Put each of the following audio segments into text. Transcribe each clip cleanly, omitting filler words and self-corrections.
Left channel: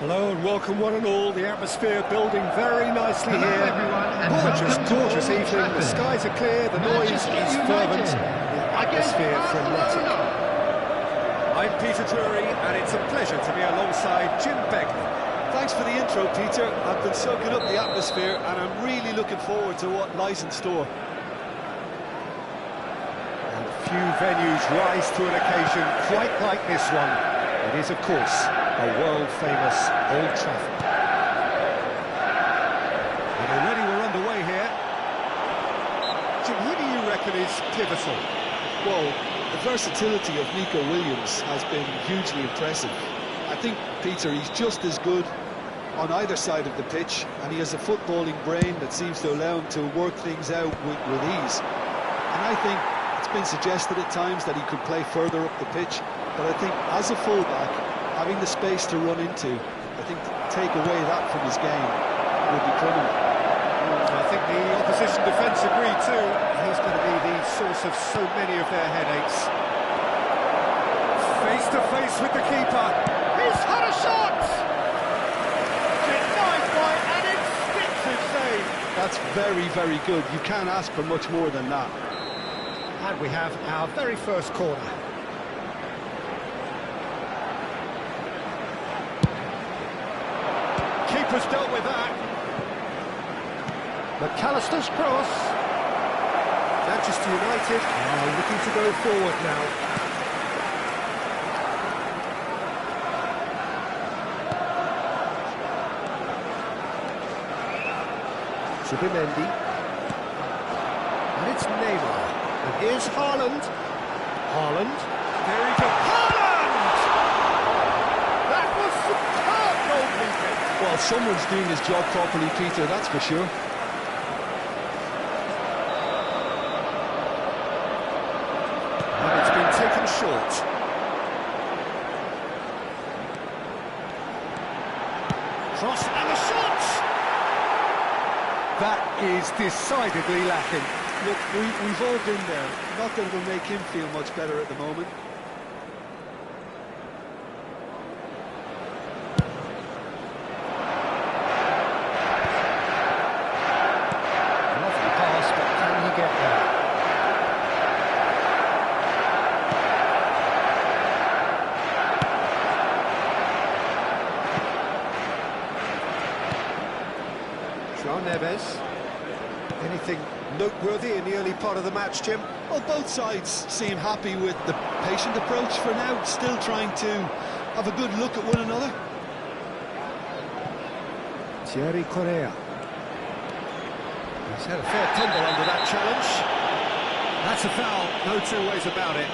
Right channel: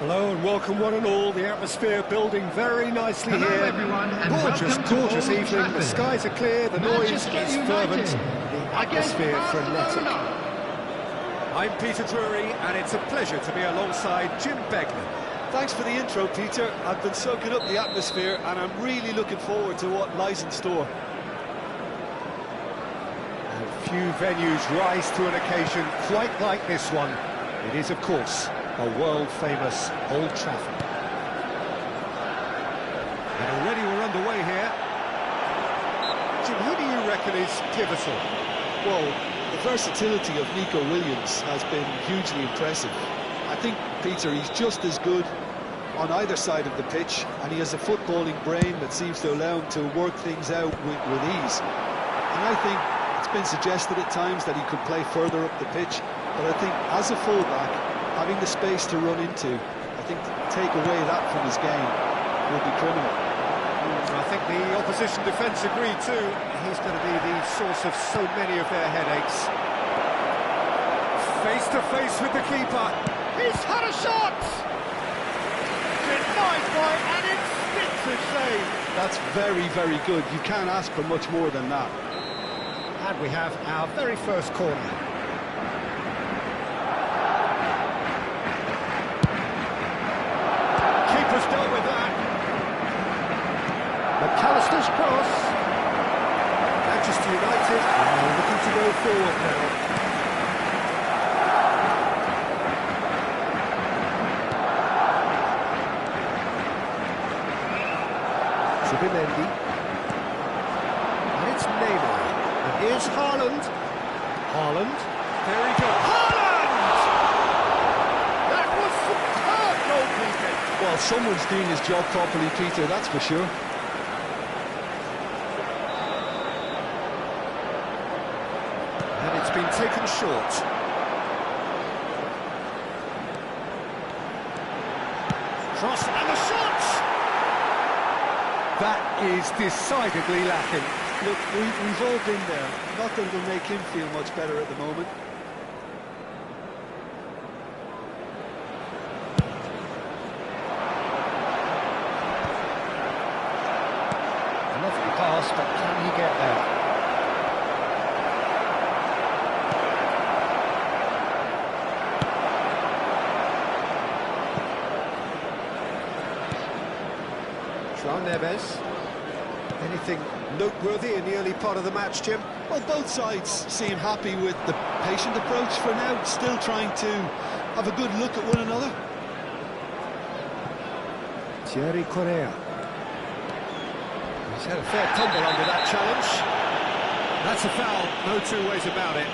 Hello and welcome one and all. The atmosphere building very nicely Hello here. everyone, and Gorgeous evening. Trafford. The skies are clear, the noise is Manchester fervent, United the atmosphere frenetic. I'm Peter Drury, and it's a pleasure to be alongside Jim Beglin. Thanks for the intro, Peter. I've been soaking up the atmosphere and I'm really looking forward to what lies in store. And few venues rise to an occasion quite like this one. It is, of course, a world-famous Old Trafford. And already we're underway here. Jim, who do you reckon is pivotal? Well, the versatility of Nico Williams has been hugely impressive. I think, Peter, he's just as good on either side of the pitch, and he has a footballing brain that seems to allow him to work things out with ease. And I think it's been suggested at times that he could play further up the pitch, but I think as a fullback, having the space to run into, I think to take away that from his game would be criminal. I think the opposition defence agree too. He's going to be the source of so many of their headaches. Face to face with the keeper. He's had a shot! Denied by an instinctive save. That's very, very good. You can't ask for much more than that. And we have our very first corner. Keeper's dealt with that. McAllister's cross. Manchester United are looking to go forward now. Subimendi. And it's Neymar. And here's Haaland. Haaland. There he goes. Haaland! That was superb goalkeeping. Well, someone's doing his job properly, Peter, that's for sure. And it's been taken short. Cross and the shot! That is decidedly lacking. Look, we've all been there. Not that it'll make him feel much better at the moment. A lovely pass, but can he get there? João Neves. Anything noteworthy in the early part of the match, Jim? Well, both sides seem happy with the patient approach for now, still trying to have a good look at one another. Thierry Correa. He's had a fair tumble under that challenge. That's a foul, no two ways about it.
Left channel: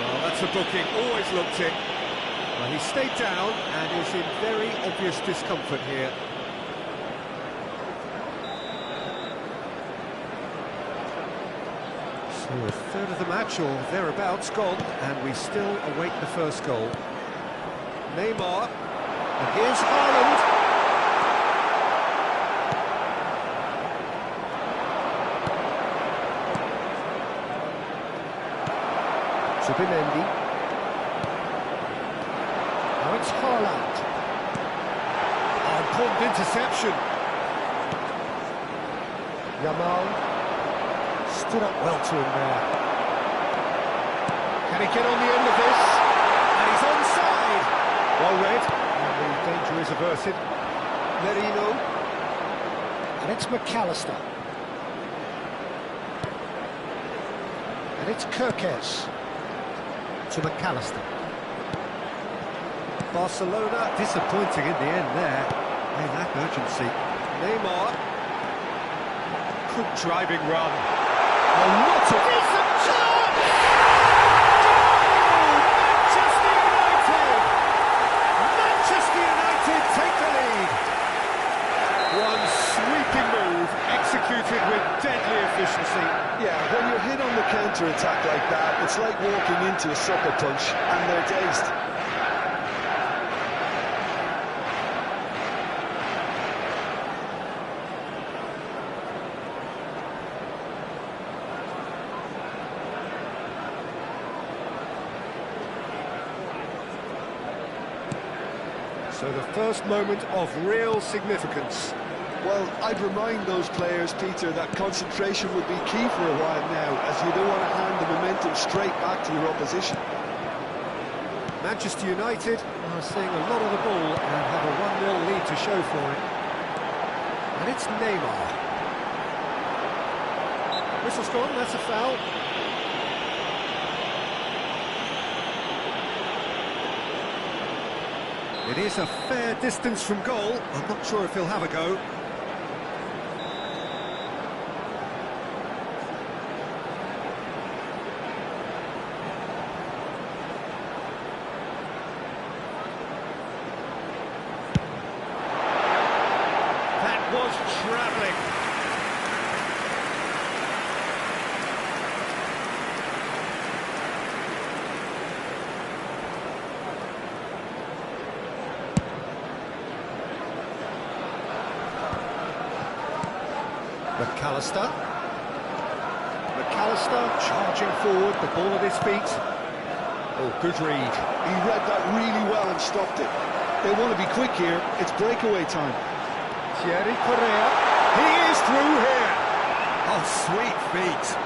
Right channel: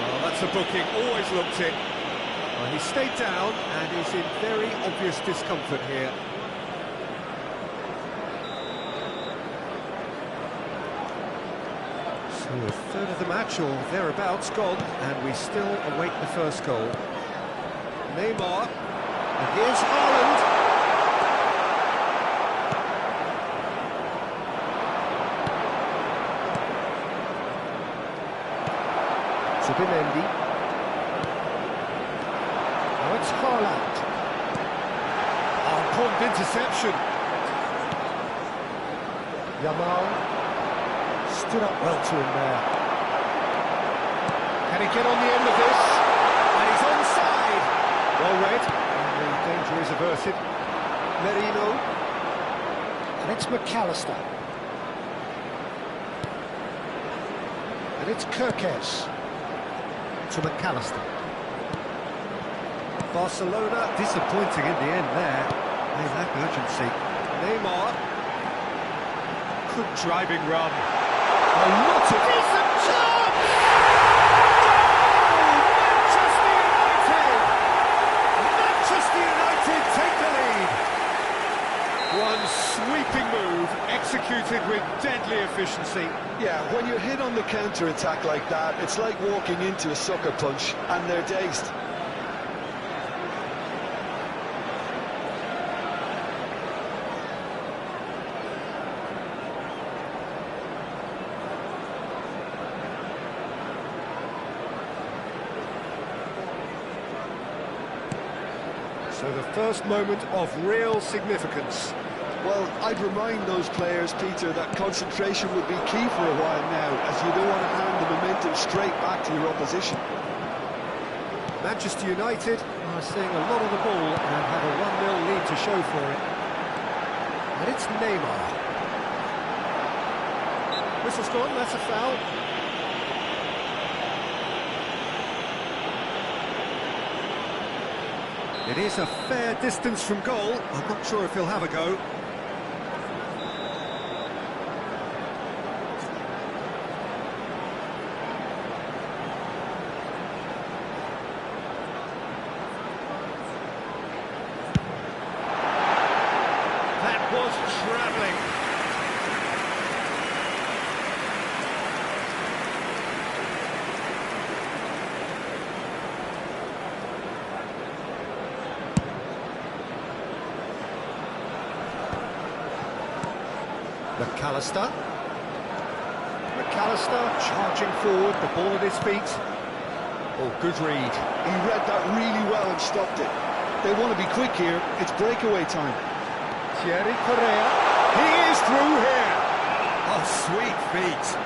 Well, that's a booking, always looked it. Well, he stayed down and is in very obvious discomfort here. So a third of the match or thereabouts gone, and we still await the first goal. Neymar, and here's Haaland. Zubimendi. Now it's Haaland. Oh, important interception. Yamal stood up well to him there. Can he get on the end of this? And he's onside. Well read. And the danger is averted. Merino. And it's McAllister. And it's Kirkes. To McAllister. Barcelona disappointing in the end there. They lack urgency. Neymar. Good driving run. Oh, not a decent chance! Goal! Manchester United! Manchester United take the lead. One sweeping move, executed with deadly efficiency. Yeah, when you're hit on the counter-attack like that, it's like walking into a sucker punch, and they're dazed. So the first moment of real significance. Well, I'd remind those players, Peter, that concentration would be key for a while now, as you don't want to hand the momentum straight back to your opposition. Manchester United are seeing a lot of the ball and have a 1-0 lead to show for it. And it's Neymar. Whistle's gone, that's a foul. It is a fair distance from goal. I'm not sure if he'll have a go. That was travelling. McAllister. McAllister charging forward, the ball at his feet. Oh, good read. He read that really well and stopped it. They want to be quick here. It's breakaway time. Thierry Correa. He is through here. Oh, sweet feet.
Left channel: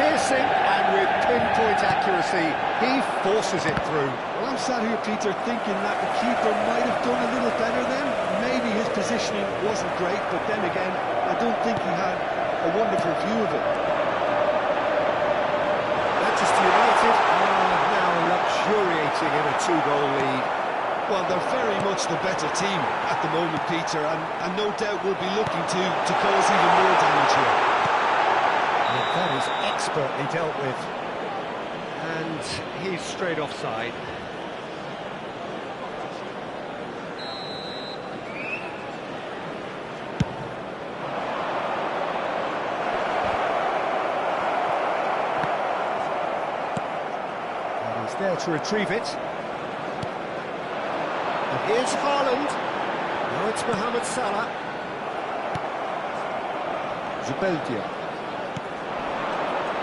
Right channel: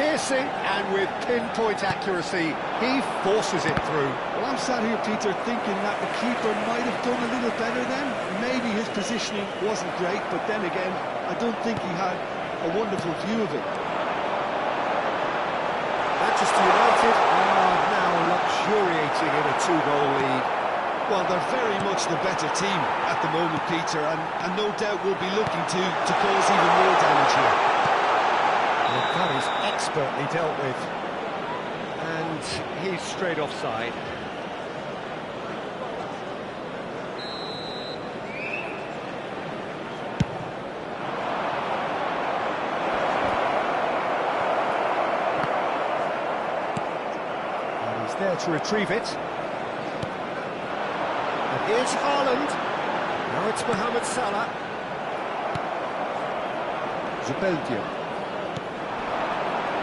Piercing and with pinpoint accuracy, he forces it through. Well, I'm sat here, Peter, thinking that the keeper might have done a little better then. Maybe his positioning wasn't great, but then again, I don't think he had a wonderful view of it. Manchester United are now luxuriating in a 2-goal lead. Well, they're very much the better team at the moment, Peter, and no doubt will be looking to cause even more damage here. Well, that is expertly dealt with. And he's straight offside. And he's there to retrieve it. And here's Haaland. Now it's Mohamed Salah. Zubeldia.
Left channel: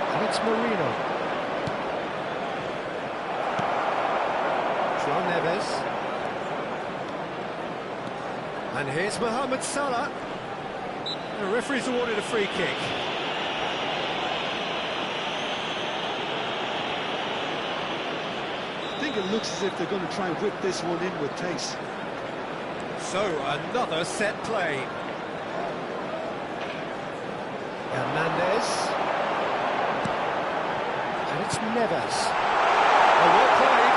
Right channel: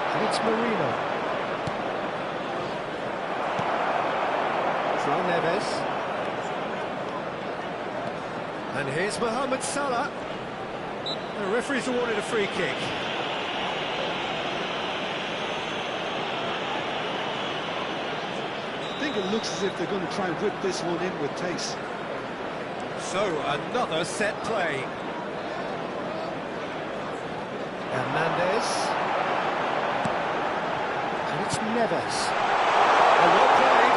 And it's Merino. João Neves. And here's Mohamed Salah. The referee's awarded a free kick. I think it looks as if they're going to try and whip this one in with pace. So, another set play. Hernandez. And it's Neves. Oh, well played.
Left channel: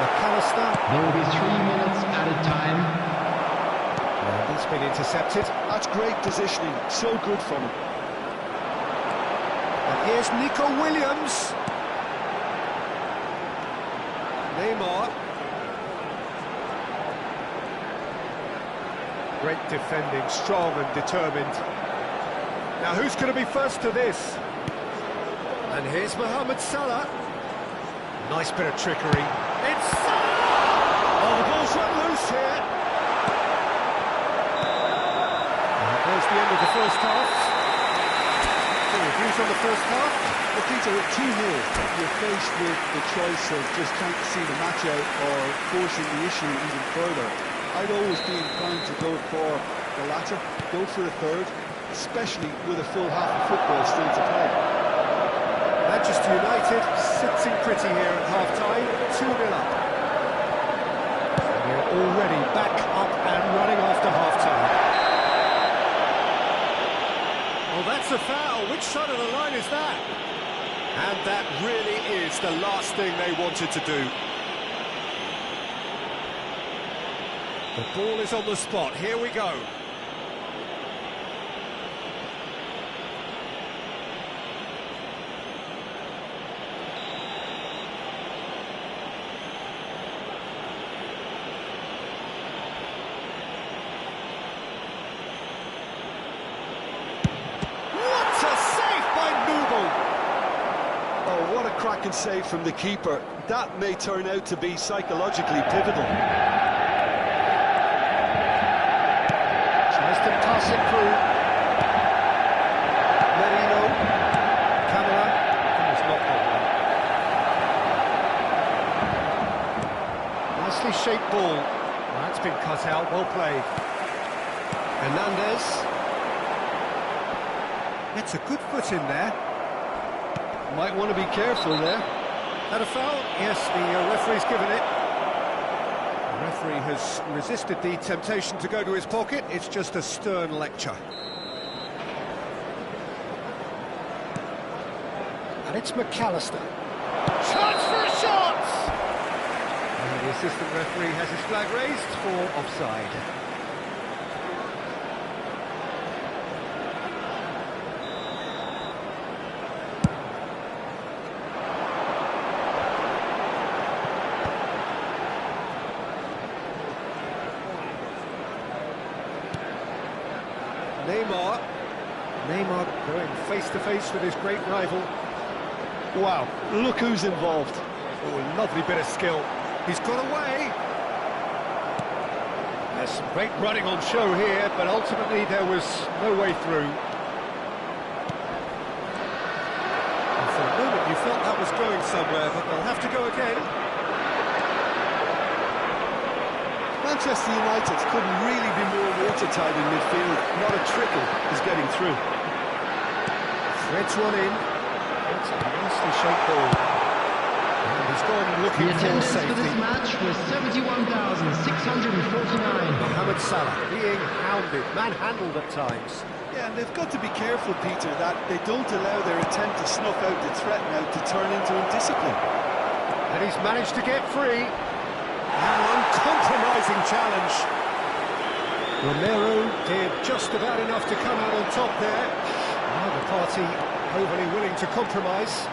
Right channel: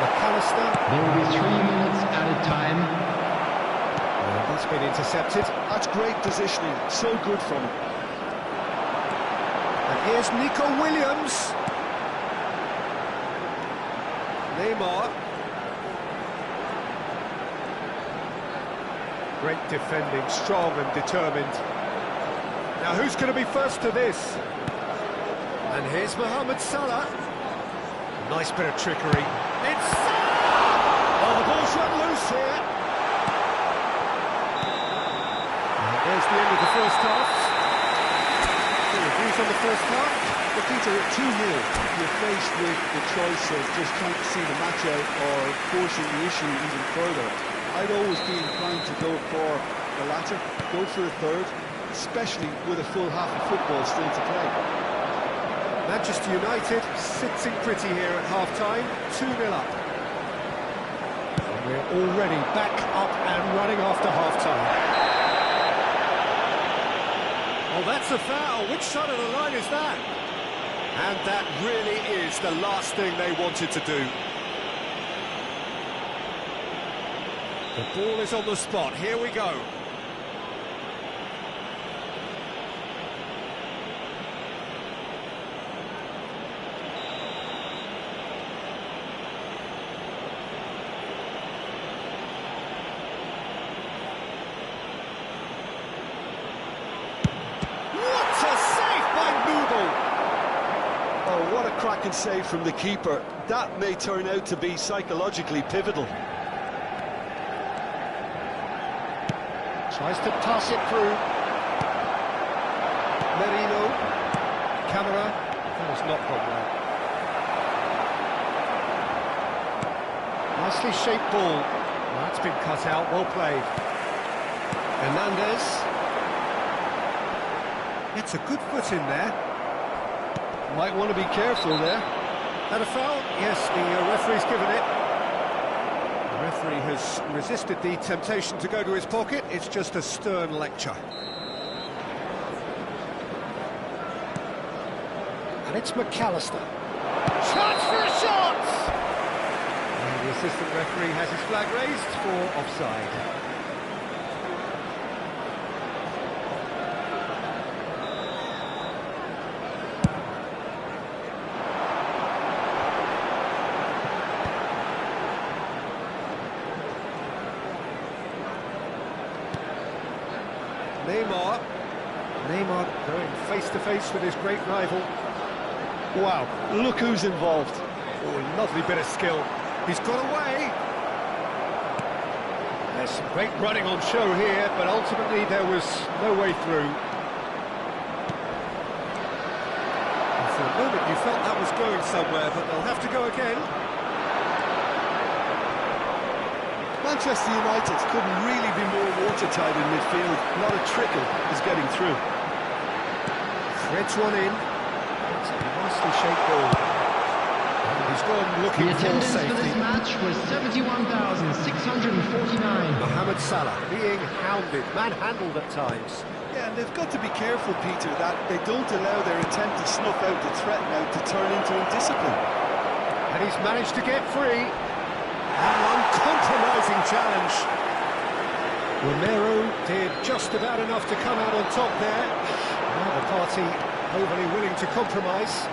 McAllister. There will be 3 minutes added time. And that's been intercepted. That's great positioning, so good from him. And here's Nico Williams. Neymar. Great defending, strong and determined. Now who's going to be first to this? And here's Mohamed Salah. Nice bit of trickery. It's Salah! Oh, the ball's run loose here. And there's the end of the first half. Any reviews on the first half? Well, Peter, at 2-0, you're faced with the choice of just trying to see the match out or forcing the issue even further. I'd always be inclined to go for the latter, go for a third, especially with a full half of football still to play. Manchester United sitting pretty here at half-time, 2-0 up. And we're already back up and running after half-time. Well, that's a foul. Which side of the line is that? And that really is the last thing they wanted to do. The ball is on the spot. Here we go. What a save by Noodle! Oh, what a cracking save from the keeper. That may turn out to be psychologically pivotal. Tries to pass it through. Merino. Camera. That was not gone well. Nicely shaped ball. Well, that's been cut out. Well played. Hernandez. Gets a good foot in there. Might want to be careful there. Had a foul? Yes, the referee's given it. The referee has resisted the temptation to go to his pocket. It's just a stern lecture. And it's McAllister. Chance for a shot! And the assistant referee has his flag raised for offside. Neymar going face-to-face with his great rival. Wow, look who's involved. Oh, lovely bit of skill. He's got away. There's some great running on show here, but ultimately there was no way through. And for a moment you felt that was going somewhere, but they'll have to go again. Manchester United couldn't really be more watertight in midfield. Not a trickle is getting through. Threads one in. It's a nicely shaped ball. And he's gone looking The for attendance safety. for this match was 71,649. Mohamed Salah being hounded, manhandled at times. Yeah, and they've got to be careful, Peter, that they don't allow their attempt to snuff out the threat now to turn into indiscipline. And he's managed to get free. An uncompromising challenge. Romero did just about enough to come out on top there. Now the party overly willing to compromise.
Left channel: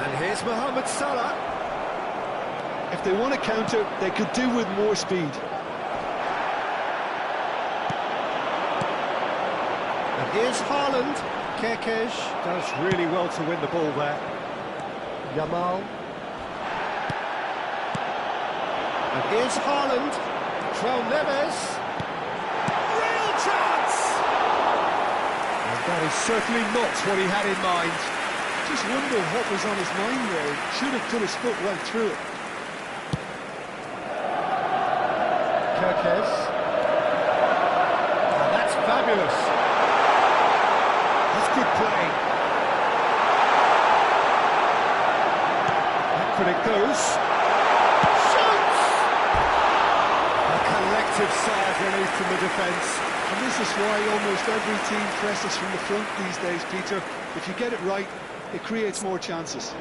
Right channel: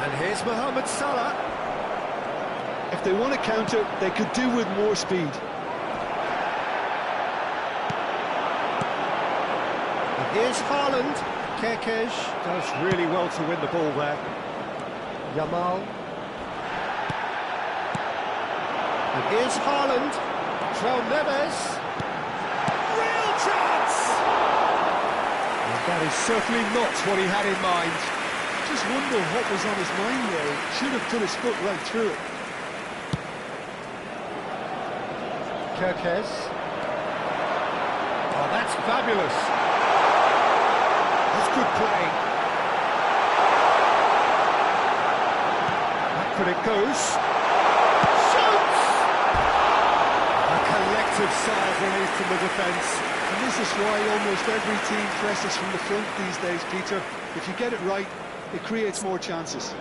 And here's Mohamed Salah. If they want to counter, they could do with more speed. And here's Haaland. Kerkez does really well to win the ball there. Yamal. And here's Haaland. Neves. Real chance! And that is certainly not what he had in mind. Just wonder what was on his mind there. Should have put his foot right through it. Kerkez. Oh, that's fabulous. That's good play. Back when it goes. Shoots! A collective sigh of relief from the defence. And this is why almost every team presses from the front these days, Peter. If you get it right, it creates more chances.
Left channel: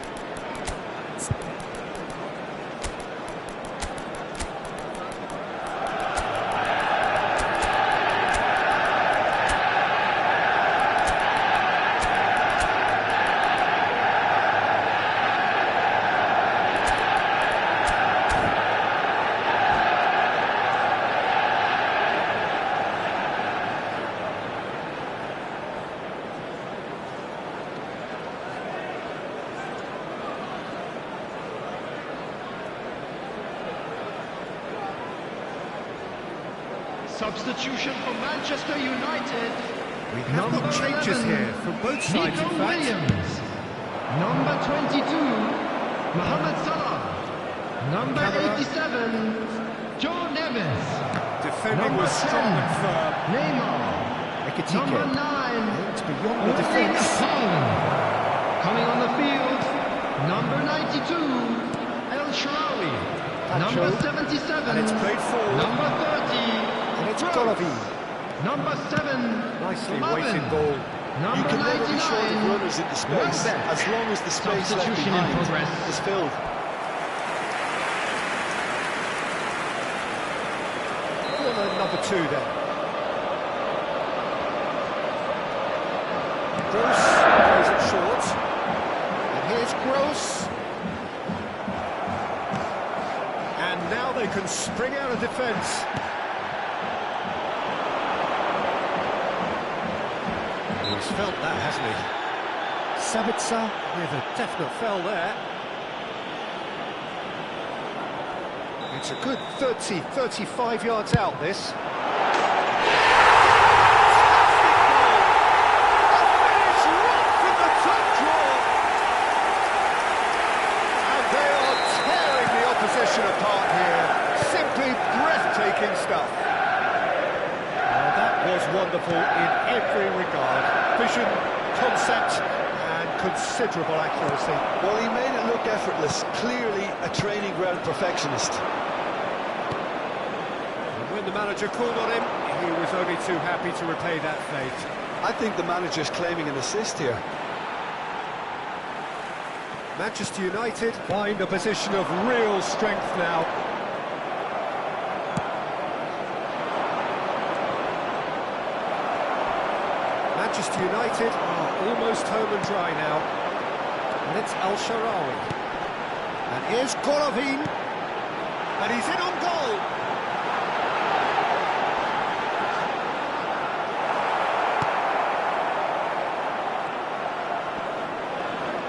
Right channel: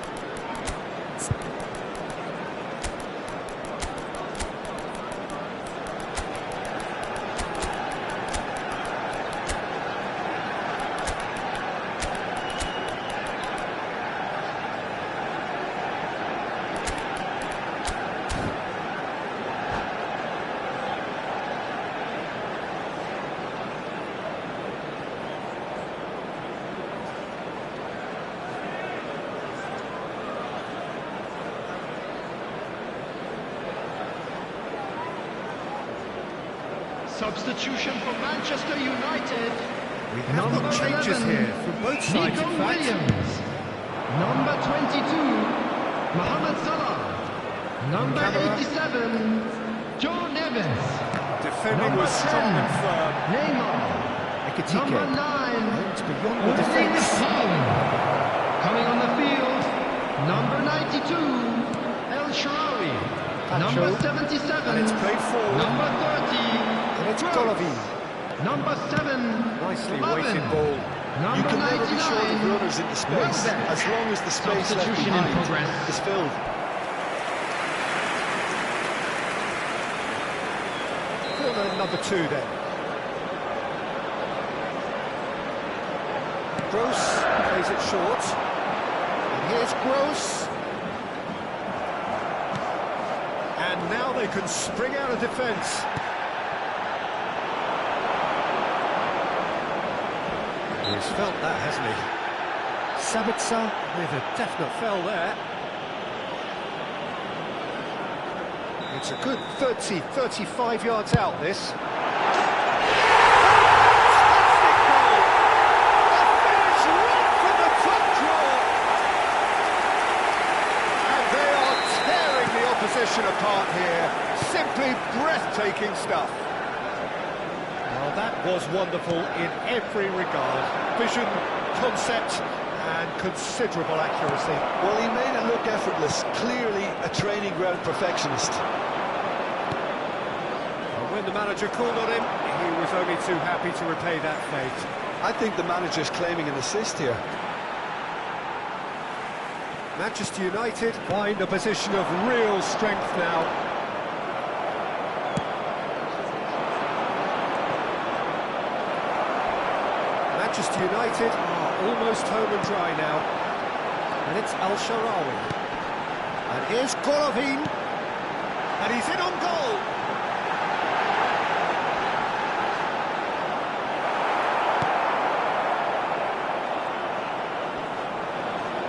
Substitution for Manchester United. We have got changes 11, here from both sides, Nico in fact. Williams. Number 22, Mohamed Salah. Number Camera. 87, Joe Neves. Defending Number was strong 10, and firm. Neymar. Ekitike. Number 9, It's beyond the Erling defence. Haaland. Coming on the field, number 92, El Shaarawy. Number 77, And it's played forward. number 30, And it's Gross. Golovin. Number 7, Nicely Slaven. weighted ball. Number You can 99, never be short of runners into space, Welbeck. as long as the space left Substitution in behind progress. is filled. Corner number 2 then. Gross plays it short. And here's Gross. And now they can spring out of defence. He's felt that, hasn't he? Sabitzer. With a definite foul there. It's a good 30, 35 yards out, this. Fantastic goal! A finish right from the top draw! And they are tearing the opposition apart here. Simply breathtaking stuff. Well, that was wonderful in every regard. Vision, concept, and considerable accuracy. Well, he made it look effortless. Clearly a training ground perfectionist. And when the manager called on him, he was only too happy to repay that fate. I think the manager's claiming an assist here. Manchester United find a position of real strength now. Manchester United are almost home and dry now. And it's Al Shaarawy. And here's Golovin. And he's in on goal.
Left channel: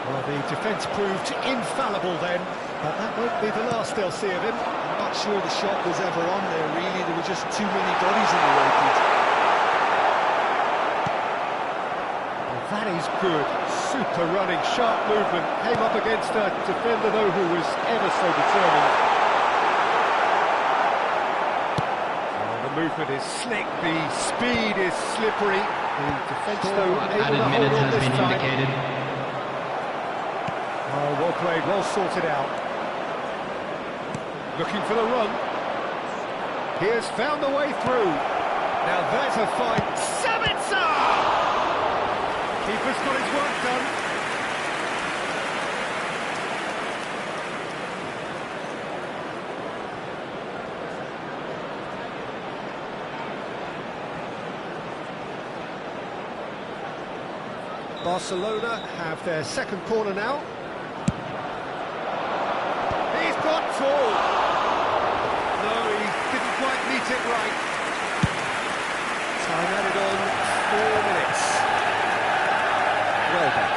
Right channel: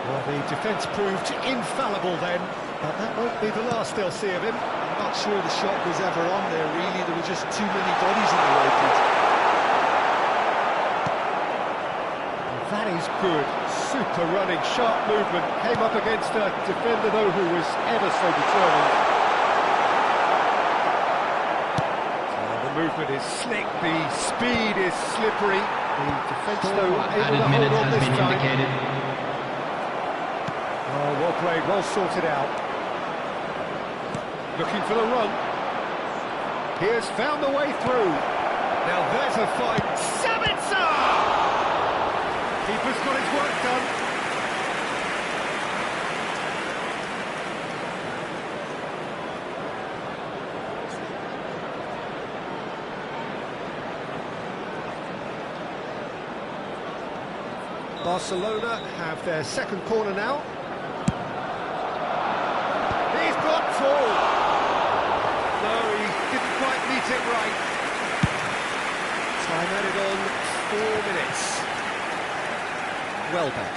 Well, the defence proved infallible then, but that won't be the last they'll see of him. I'm not sure the shot was ever on there, really. There were just too many bodies in the way, Pete. That is good. Super running, sharp movement. Came up against a defender, though, who was ever so determined. Oh, the movement is slick. The speed is slippery. The defence, though, able to hold on this time. Oh, well played, well sorted out. Looking for the run. He has found the way through. Now there's a fight. Sabitzer! Keeper's got his work done. Barcelona have their second corner now. He's got tall. No, he didn't quite meet it right. Time added on 4 minutes. Welbeck.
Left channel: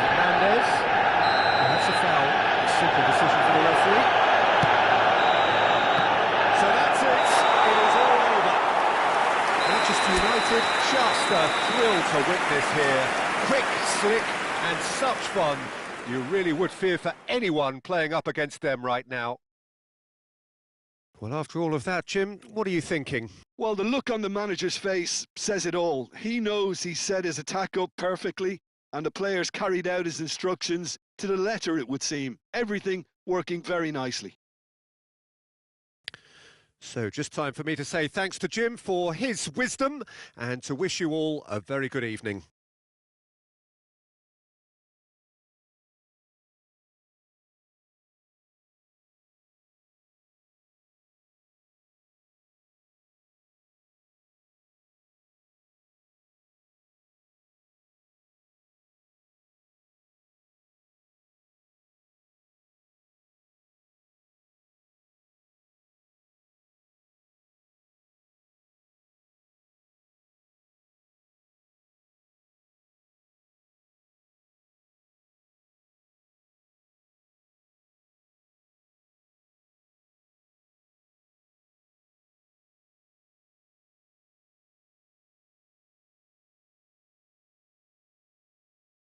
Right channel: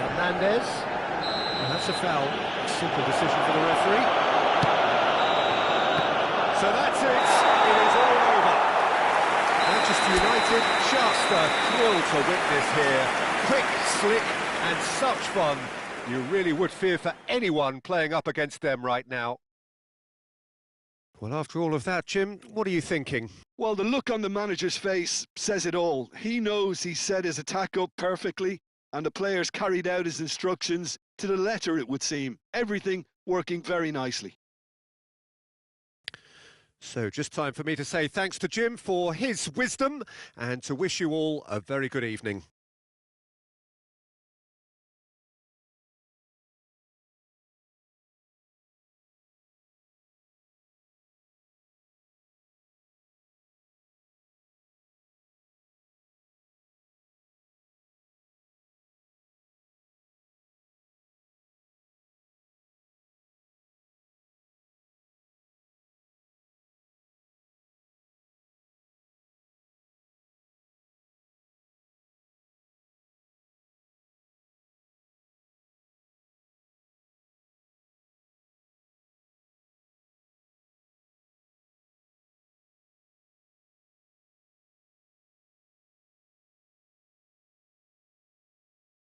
Hernandez. That's a foul. Simple decision for the referee. So that's it. It is all over. Manchester United, just a thrill to witness here. Quick, slick, and such fun. You really would fear for anyone playing up against them right now. Well, after all of that, Jim, what are you thinking? Well, the look on the manager's face says it all. He knows he set his attack up perfectly, and the players carried out his instructions to the letter, it would seem. Everything working very nicely. So just time for me to say thanks to Jim for his wisdom and to wish you all a very good evening.